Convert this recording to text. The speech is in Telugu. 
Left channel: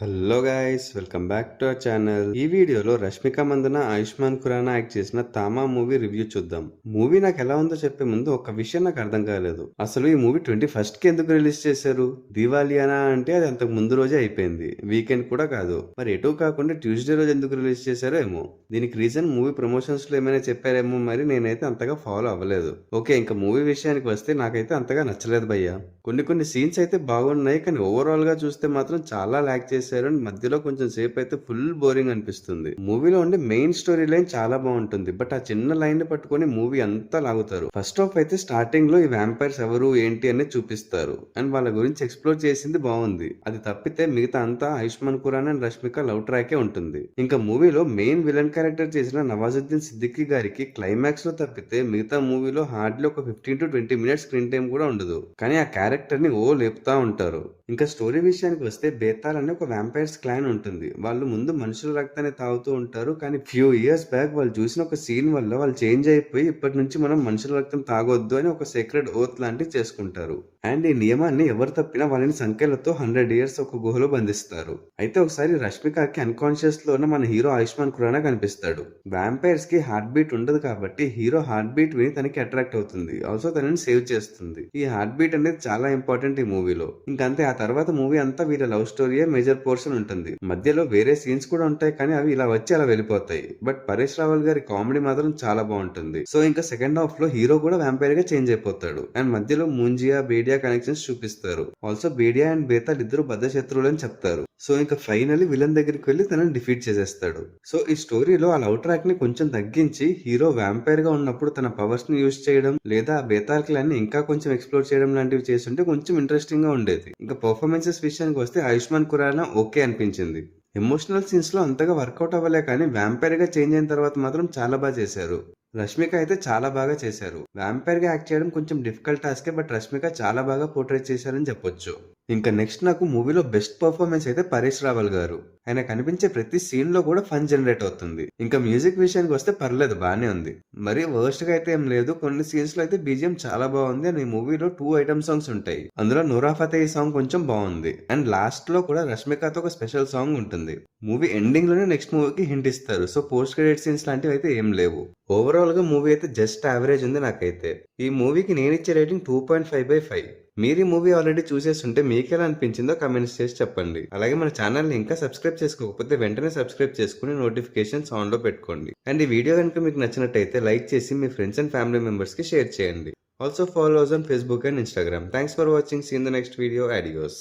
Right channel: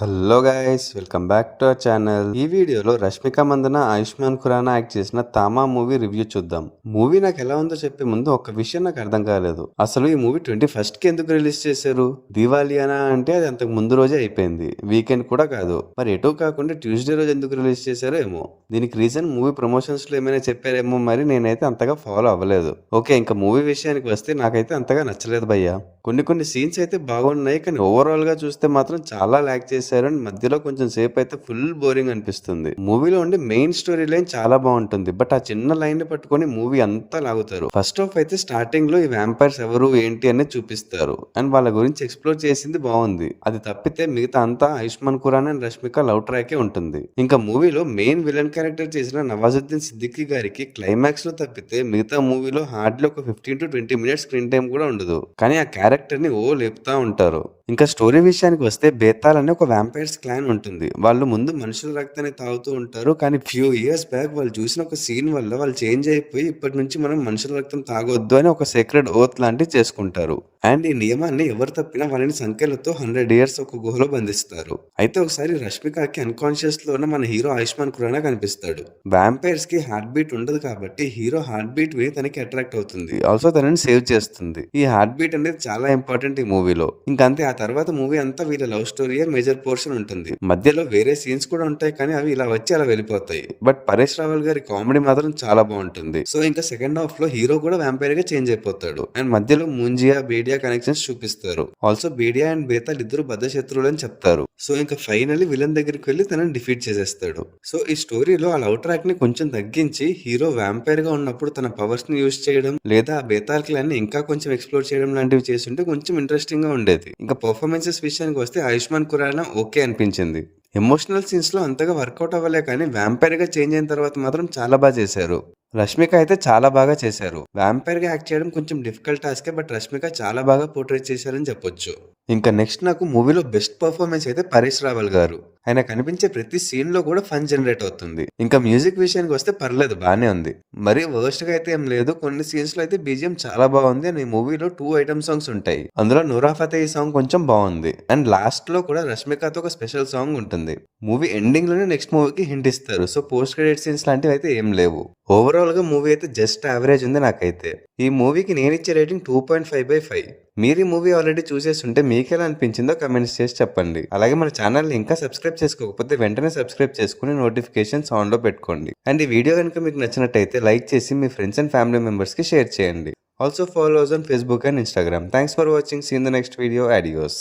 Hello guys, welcome back to our channel. ఈ వీడియోలో రష్మిక మందన, ఆయుష్మాన్ ఖురానా యాక్ట్ చేసిన తామా మూవీ రివ్యూ చూద్దాం. మూవీ నాకు ఎలా ఉందో చెప్పే ముందు ఒక విషయం నాకు అర్థం కాలేదు. అసలు ఈ మూవీ 21st కి ఎందుకు రిలీజ్ చేశారు? దివాలియానా అంటే అది అంతకు ముందు రోజే అయిపోయింది, వీకెండ్ కూడా కాదు. మరి ఎటు కాకుండా ట్యూస్డే రోజు ఎందుకు రిలీజ్ చేశారో ఏమో. దీనికి రీజన్ మూవీ ప్రమోషన్స్ లో ఏమైనా చెప్పారేమో, మరి నేనైతే అంతగా ఫాలో అవ్వలేదు. ఓకే, ఇంకా మూవీ విషయానికి వస్తే నాకైతే అంతగా నచ్చలేదు భయ్యా. కొన్ని సీన్స్ అయితే బాగున్నాయి, కానీ ఓవరాల్ గా చూస్తే మాత్రం చాలా ల్యాక్ చేశారు. అండ్ మధ్యలో కొంచెం సేపు అయితే ఫుల్ బోరింగ్ అనిపిస్తుంది. మూవీలో ఉండే మెయిన్ స్టోరీ లైన్ చాలా బాగుంటుంది, బట్ ఆ చిన్న లైన్ ని పట్టుకొని మూవీ అంతా లాగుతారు. ఫస్ట్ హాఫ్ అయితే స్టార్టింగ్ లో ఈ వ్యాంపైర్స్ ఎవరు ఏంటి అనేది చూపిస్తారు, అండ్ వాళ్ళ గురించి ఎక్స్ప్లోర్ చేసింది బాగుంది. అది తప్పితే మిగతా అంతా Ayushman Khurana and Rashmika love trachea ఉంటుంది. ఇంకా మూవీలో మెయిన్ విలన్ క్యారెక్టర్ చేసిన నవాజుద్దీన్ సిద్దికీ గారికి క్లైమాక్స్ లో తప్పితే మిగతా మూవీలో హార్డ్లీ ఒక 15 to 20 మినిట్స్ స్క్రీన్ టైం కూడా ఉండదు, కానీ ఆ క్యారెక్టర్ ని లేపుతా ఉంటారు. ఇంకా స్టోరీ విషయానికి వస్తే బేతాల్ అనే ఒక వ్యాంపైర్స్ క్లాన్ ఉంటుంది. వాళ్ళు ముందు మనుషుల రక్తాన్ని తాగుతూ ఉంటారు, కానీ ఫ్యూ ఇయర్స్ బ్యాక్ వాళ్ళు చూసిన ఒక సీన్ వల్ల వాళ్ళు చేంజ్ అయిపోయి ఇప్పటి నుంచి మనం మనుషుల రక్తం తాగొద్దు అని ఒక సీక్రెట్ ఓత్ లాంటివి చేసుకుంటారు. అండ్ ఈ నియమాన్ని ఎవరు తప్పినా వాళ్ళని సంఖ్యలతో 100 ఇయర్స్ ఒక గుహలో బంధిస్తారు. అయితే ఒకసారి రష్మికకి అన్కాన్షియస్ లోనే మన హీరో ఆయుష్మాన్ ఖురానా కనిపిస్తాడు. వ్యాంపైర్స్ కి హార్ట్ బీట్ ఉండదు కాబట్టి హీరో హార్ట్ బీట్ విని తనకి అట్రాక్ట్ అవుతుంది, ఆల్సో తనని సేవ్ చేస్తుంది. ఈ హార్ట్ బీట్ అనేది చాలా ఇంపార్టెంట్ ఈ మూవీలో. ఇంకంతే, ఆ తర్వాత మూవీ అంతా వీళ్ళ లవ్ స్టోరీయే మేజర్ పోర్షన్ ఉంటుంది. మధ్యలో వేరే సీన్స్ కూడా ఉంటాయి, కానీ అవి ఇలా వచ్చి అలా వెళ్ళిపోతాయి. బట్ పరేష్ రావల్ గారి కామెడీ మాత్రం చాలా బాగుంటుంది. సో ఇంకా సెకండ్ హాఫ్ లో హీరో కూడా వ్యాంపైర్ గా చేంజ్ అయిపోతాడు, అండ్ మధ్యలో ముంజియా బేడియా కనెక్షన్స్ చూపిస్తారు. ఆల్సో బేడియా అండ్ బేతాల్ ఇద్దరు బద్ద శత్రువులు అని చెప్తారు. సో ఇంకా ఫైనల్లీ విలన్ దగ్గరికి వెళ్లి తనని డిఫీట్ చేసేస్తాడు. సో ఈ స్టోరీలో ఆ లవ్ ట్రాక్ ని కొంచెం తగ్గించి హీరో వ్యాంపైర్ గా ఉన్నప్పుడు తన పవర్స్ ని యూజ్ చేయడం, లేదా బేతాల్ క్లాన్ ని ఇంకా కొంచెం ఎక్స్ప్లోర్ చేయడం లాంటివి చేస్తుంటే కొంచెం ఇంట్రెస్టింగ్ గా ఉండేది. ఇంకా పర్ఫార్మెన్సెస్ విషయానికి వస్తే ఆయుష్మాన్ ఖురానా ఓకే అనిపించింది. ఎమోషనల్ సీన్స్ లో అంతగా వర్కౌట్ అవ్వలే, కానీ వ్యాంపైర్ గా చేంజ్ అయిన తర్వాత మాత్రం చాలా బాగా చేశారు. రష్మిక అయితే చాలా బాగా చేశారు. వ్యాంపైర్ గా యాక్ట్ చేయడం కొంచెం డిఫికల్ట్ టాస్కే, బట్ రష్మిక చాలా బాగా పోర్ట్రేట్ చేశారని చెప్పొచ్చు. ఇంకా నెక్స్ట్ నాకు మూవీలో బెస్ట్ పర్ఫార్మెన్స్ అయితే పరేష్ రావల్ గారు. ఆయన కనిపించే ప్రతి సీన్ లో కూడా ఫన్ జనరేట్ అవుతుంది. ఇంకా మ్యూజిక్ విషయానికి వస్తే పర్లేదు, బానే ఉంది. మరీ వర్స్ట్ గా అయితే ఏం లేదు. కొన్ని సీన్స్ లో అయితే బీజిఎం చాలా బాగుంది. అండ్ ఈ మూవీలో 2 ఐటమ్ సాంగ్స్ ఉంటాయి. అందులో నూరా ఫతేహి సాంగ్ కొంచెం బాగుంది, అండ్ లాస్ట్ లో కూడా రష్మికతో ఒక స్పెషల్ సాంగ్ ఉంటుంది. మూవీ ఎండింగ్ లోనే నెక్స్ట్ మూవీకి హింట్ ఇస్తారు. సో పోస్ట్ క్రెడిట్ సీన్స్ లాంటివి అయితే ఏం లేవు. ఓవరాల్ గా మూవీ అయితే జస్ట్ యావరేజ్ ఉంది నాకైతే. ఈ మూవీకి నేను ఇచ్చే రేటింగ్ 2.5/5. మీరు ఈ మూవీ ఆల్రెడీ చూసేస్తుంటే మీకు ఎలా అనిపించిందో కమెంట్స్ చేసి చెప్పండి. అలాగే మన ఛానల్ని ఇంకా సబ్స్క్రైబ్ చేసుకోకపోతే వెంటనే సబ్స్క్రైబ్ చేసుకుని నోటిఫికేషన్స్ ఆన్ లో పెట్టుకోండి. అండ్ ఈ వీడియో కనుక మీకు నచ్చినట్టయితే లైక్ చేసి మీ ఫ్రెండ్స్ అండ్ ఫ్యామిలీ మెంబర్స్ కి షేర్ చేయండి. Also follow us on Facebook and Instagram. Thanks for watching. See you in the next video. Adios.